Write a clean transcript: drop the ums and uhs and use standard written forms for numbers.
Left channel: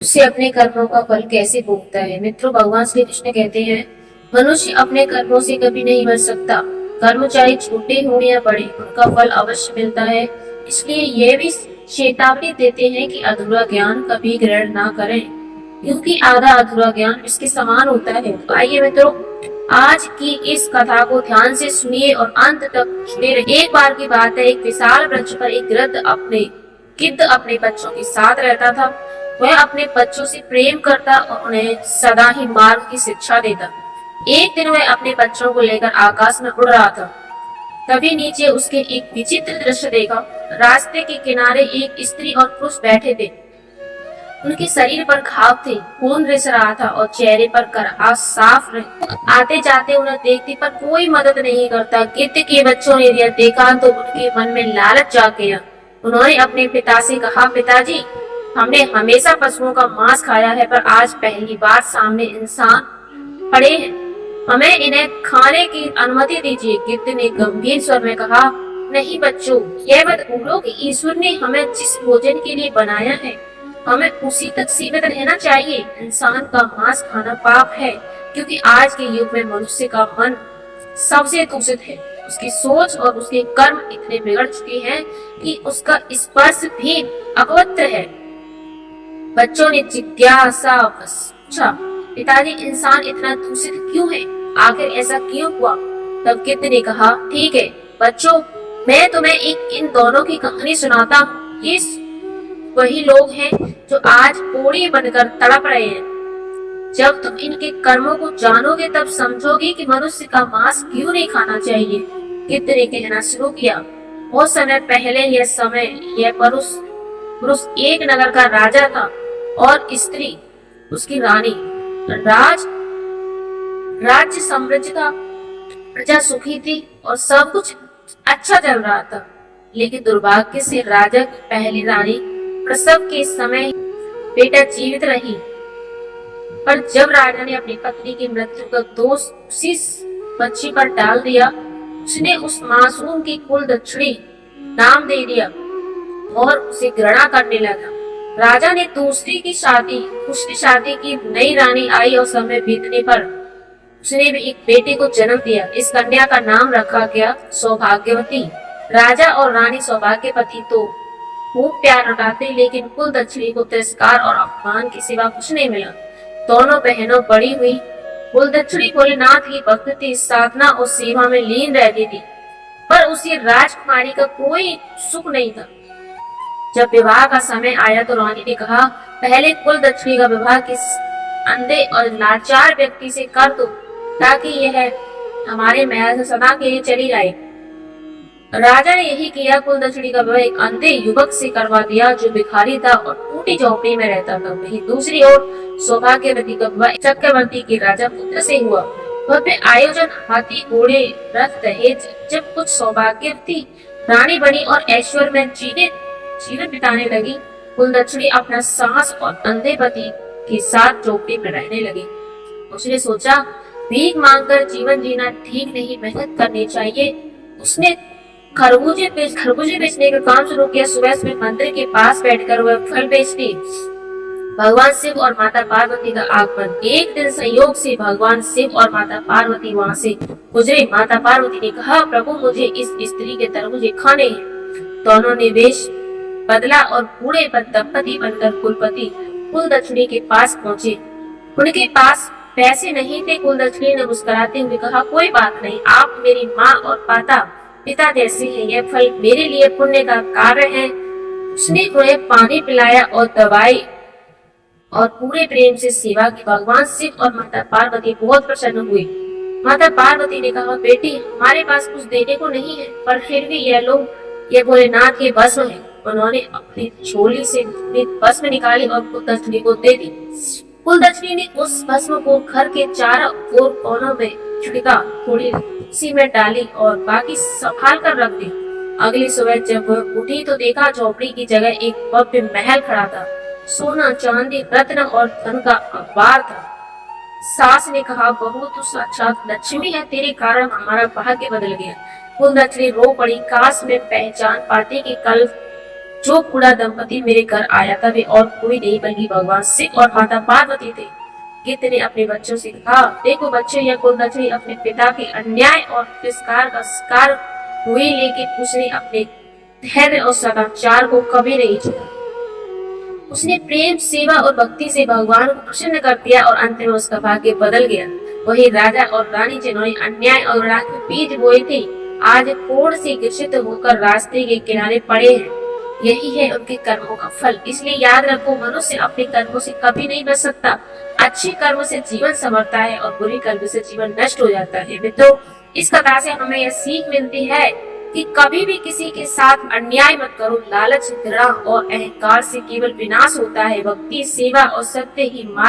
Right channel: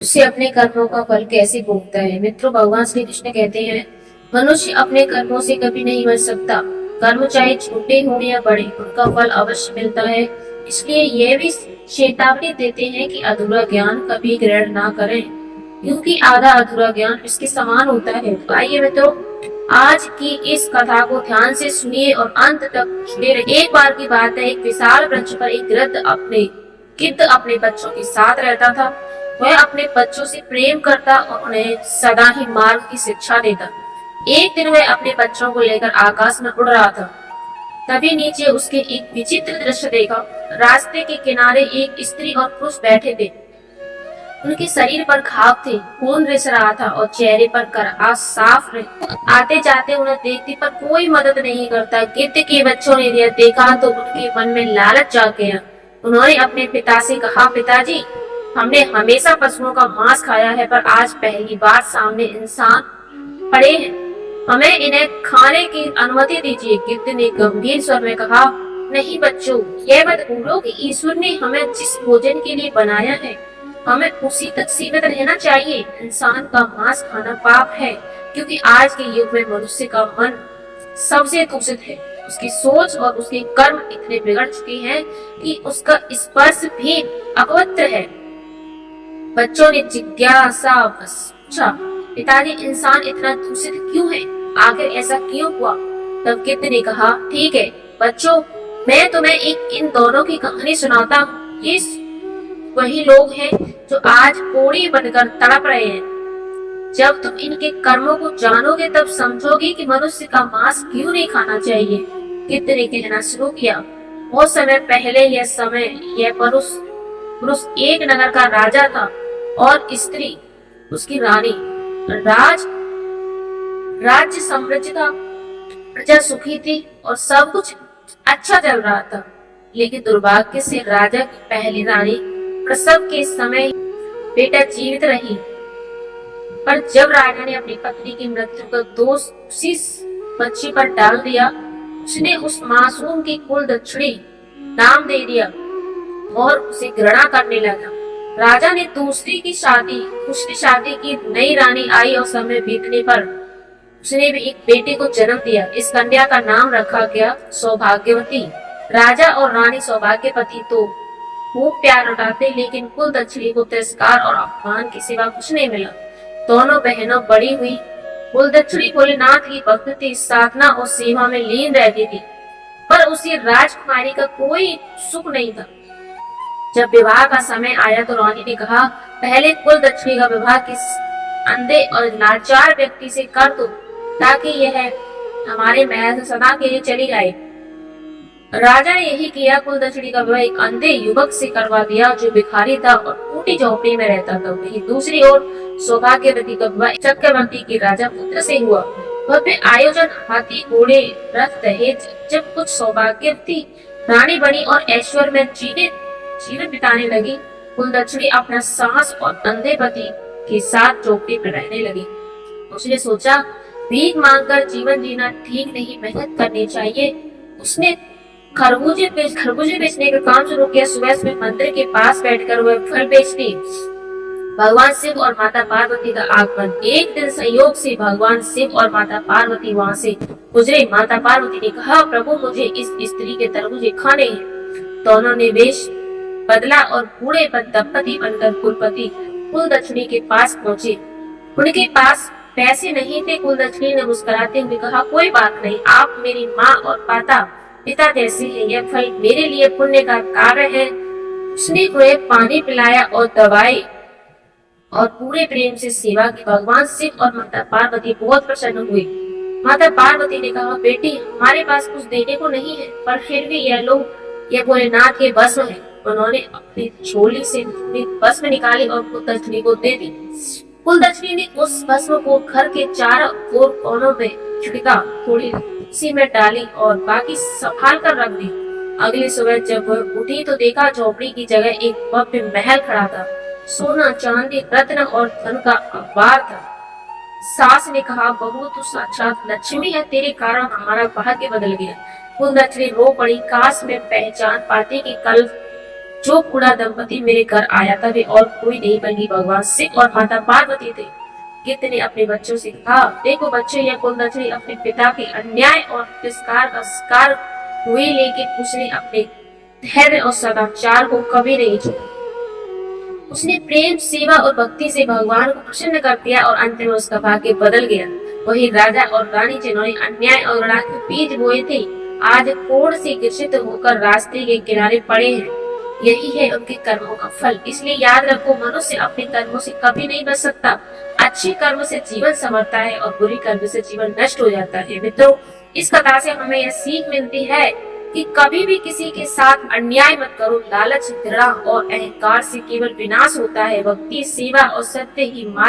मनुष्य अपने कर्मों का फल कैसे भोगता है। मित्रों, भगवान श्री कृष्ण कहते हैं, मनुष्य अपने कर्मों से कभी नहीं बच सकता। कर्म चाहे छोटे हो या बड़े, उनका फल अवश्य मिलता है। इसलिए यह भी चेतावनी देते हैं कि अधूरा ज्ञान कभी ग्रहण ना करें, क्योंकि आधा अधूरा ज्ञान इसके समान होता है। तो आइए मित्रों, आज की इस कथा को ध्यान से सुनिए और अंत तक जुड़े रहिए। एक बार की बात है, एक विशाल वृक्ष पर एक गिद्ध अपने बच्चों के साथ रहता था। वह अपने बच्चों से प्रेम करता और उन्हें सदा ही मार्ग की शिक्षा देता। एक दिन वह अपने बच्चों को लेकर आकाश में उड़ रहा था। तभी नीचे उसके एक विचित्र दृश्य देखा। रास्ते के किनारे एक स्त्री और पुरुष बैठे थे। उनके शरीर पर घाव थे, खून रिस रहा था और चेहरे पर कराह साफ रहे। आते जाते उन्हें देखते पर कोई मदद नहीं करता। गिद्ध के बच्चों ने यह देखा तो उनके मन में लालच जाग गया। उन्होंने अपने पिता से कहा, पिताजी, हमने हमेशा पशुओं का मांस खाया है, पर आज पहली बार सामने इंसान पड़े हैं। हमें इन्हें खाने की अनुमति दीजिए। गिद्ध ने गंभीर स्वर में कहा, नहीं बच्चों, यह मत भूलो कि ईश्वर ने हमें जिस भोजन के लिए बनाया है, हमें उसी तक सीमित रहना चाहिए। इंसान का मांस खाना पाप है, क्योंकि आज के युग में मनुष्य का मन सबसे दूषित है। उसकी सोच और उसके कर्म इतने बिगड़ चुके हैं कि उसका स्पर्श भी अपवित्र है। बच्चों ने जिज्ञासा बस पूछा, पिताजी, इंसान इतना दूषित क्यों है? आखिर ऐसा क्यों हुआ? तब गिद्ध ने कहा, ठीक है बच्चों, मैं तुम्हें इन दोनों की कहानी सुनाता हूँ। ये वही लोग हैं जो आज कोड़ी बनकर तड़प रहे हैं। जब तुम इनके कर्मों को जानोगे तब समझोगे कि मनुष्य का मांस क्यों नहीं खाना चाहिए। गिद्ध ने कहना शुरू किया, बहुत समय पहले यह पुरुष एक नगर का राजा था और स्त्री उसकी रानी। राज्य समृद्ध था, प्रजा सुखी थी और सब कुछ अच्छा चल रहा था। लेकिन दुर्भाग्य से राजा की पहली रानी प्रसव के समय बेटा जीवित रही। पर जब राजा ने अपनी पत्नी की मृत्यु का दोष उसी बच्ची पर डाल दिया, उसने उस मासूम की कुल दक्षिणी नाम दे दिया और उसे घृणा करने लगा। राजा ने दूसरी शादी की। नई रानी आई और समय बीतने पर उसने भी एक बेटे को जन्म दिया। इस कन्या का नाम रखा गया सौभाग्यवती। राजा और रानी सौभाग्यवती तो खूब प्यार लौटाते, लेकिन कुल दक्षिणी को तिरस्कार और अपमान के सिवा कुछ नहीं मिला। दोनों बहनों बड़ी हुई। कुल दक्षिणी भोलेनाथ की भक्ति, साधना और सेवा में लीन रहती थी, पर उसी राजकुमारी का कोई सुख नहीं था। जब विवाह का समय आया तो रानी ने कहा, पहले कुल दक्षिणी का विवाह किस अंधे और लाचार व्यक्ति से कर दो, ताकि यह हमारे महल से सदा के लिए चली जाए। राजा ने यही किया। कुल दक्षिणी का विवाह एक अंधे युवक से करवा दिया जो भिखारी था और टूटी झोपड़ी में रहता था। वहीं दूसरी ओर सौभाग्यवती का विवाह चक्रवर्ती के राजा पुत्र से हुआ। भव्य आयोजन, हाथी घोड़े रथ दहेज। जब कुछ सौभाग्यवती रानी बनी और ऐश्वर्य में जीवन बिताने लगी, कुल दक्षिणी अपना साहस और अंधे पति के साथ झोपड़ी में रहने लगी। उसने सोचा, भीख मांगकर जीवन जीना ठीक नहीं, मेहनत करनी चाहिए। उसने खरबूजे बेचने का काम शुरू किया। सुबह मंदिर के पास बैठकर वह फल बेचती। भगवान शिव और माता पार्वती का आगमन। एक दिन संयोग से भगवान शिव और माता पार्वती वहां से गुजरे। माता पार्वती ने कहा, प्रभु, मुझे इस स्त्री के तरबूजे खाने हैं। दोनों ने वेश बदला और बूढ़े दंपति बनकर कुल दक्षिणी के पास पहुँचे। उनके पास पैसे नहीं थे। कुल दक्षिणी ने मुस्कुराते हुए कहा, कोई बात नहीं, आप मेरी माँ और पिता जैसे हैं। यह फल मेरे लिए पुण्य का कार्य है। उसने उन्हें पानी पिलाया और दवाई और पूरे प्रेम से सेवा की। भगवान शिव और माता पार्वती बहुत प्रसन्न हुई। माता पार्वती ने कहा, बेटी, हमारे पास कुछ देने को नहीं है, पर फिर भी यह भोलेनाथ के भस्म है। उन्होंने अपनी झोली से भस्म निकाली और कुल दक्षिणी को दे दी। कुल दक्षिणी ने उस भस्म को घर के चारों ओर कोनों में छिड़का, थोड़ी उसी में डाली और बाकी संभाल कर रख दी। अगली सुबह जब वह उठी तो देखा झोपड़ी की जगह एक भव्य महल खड़ा था। सोना, चांदी, रत्न और धन का अंबार था। सास ने कहा, बहू, तू साक्षात लक्ष्मी है, तेरे कारण हमारा भाग्य बदल गया। कुल दक्षिणी रो पड़ी। काश में पहचान पाती कि कल जो बूढ़ा दंपति मेरे घर आया था वे और कोई नहीं बल्कि भगवान शिव और माता पार्वती थे। गिद्ध ने अपने बच्चों से कहा, देखो बच्चों, यह कुलदछनी अपने पिता के अन्याय और तिरस्कार का शिकार हुई, लेकिन उसने अपने धैर्य और सदाचार को कभी नहीं छोड़ा। उसने प्रेम, सेवा और भक्ति से भगवान को प्रसन्न कर दिया और अंत में उसका भाग्य बदल गया। वही राजा और रानी जिन्होंने अन्याय और घृणा के बीज बोए थे, आज कोढ़ से ग्रसित होकर रास्ते के किनारे पड़े हैं। यही है उनके कर्मों का फल। इसलिए याद रखो, मनुष्य अपने कर्मों से कभी नहीं बच सकता। अच्छे कर्म से जीवन संवरता है और बुरे कर्म से जीवन नष्ट हो जाता है। मित्रों, इस कथा से हमें यह सीख मिलती है कि कभी भी किसी के साथ अन्याय मत करो। लालच, घृणा और अहंकार से केवल विनाश होता है। भक्ति, सेवा और सत्य ही मार्ग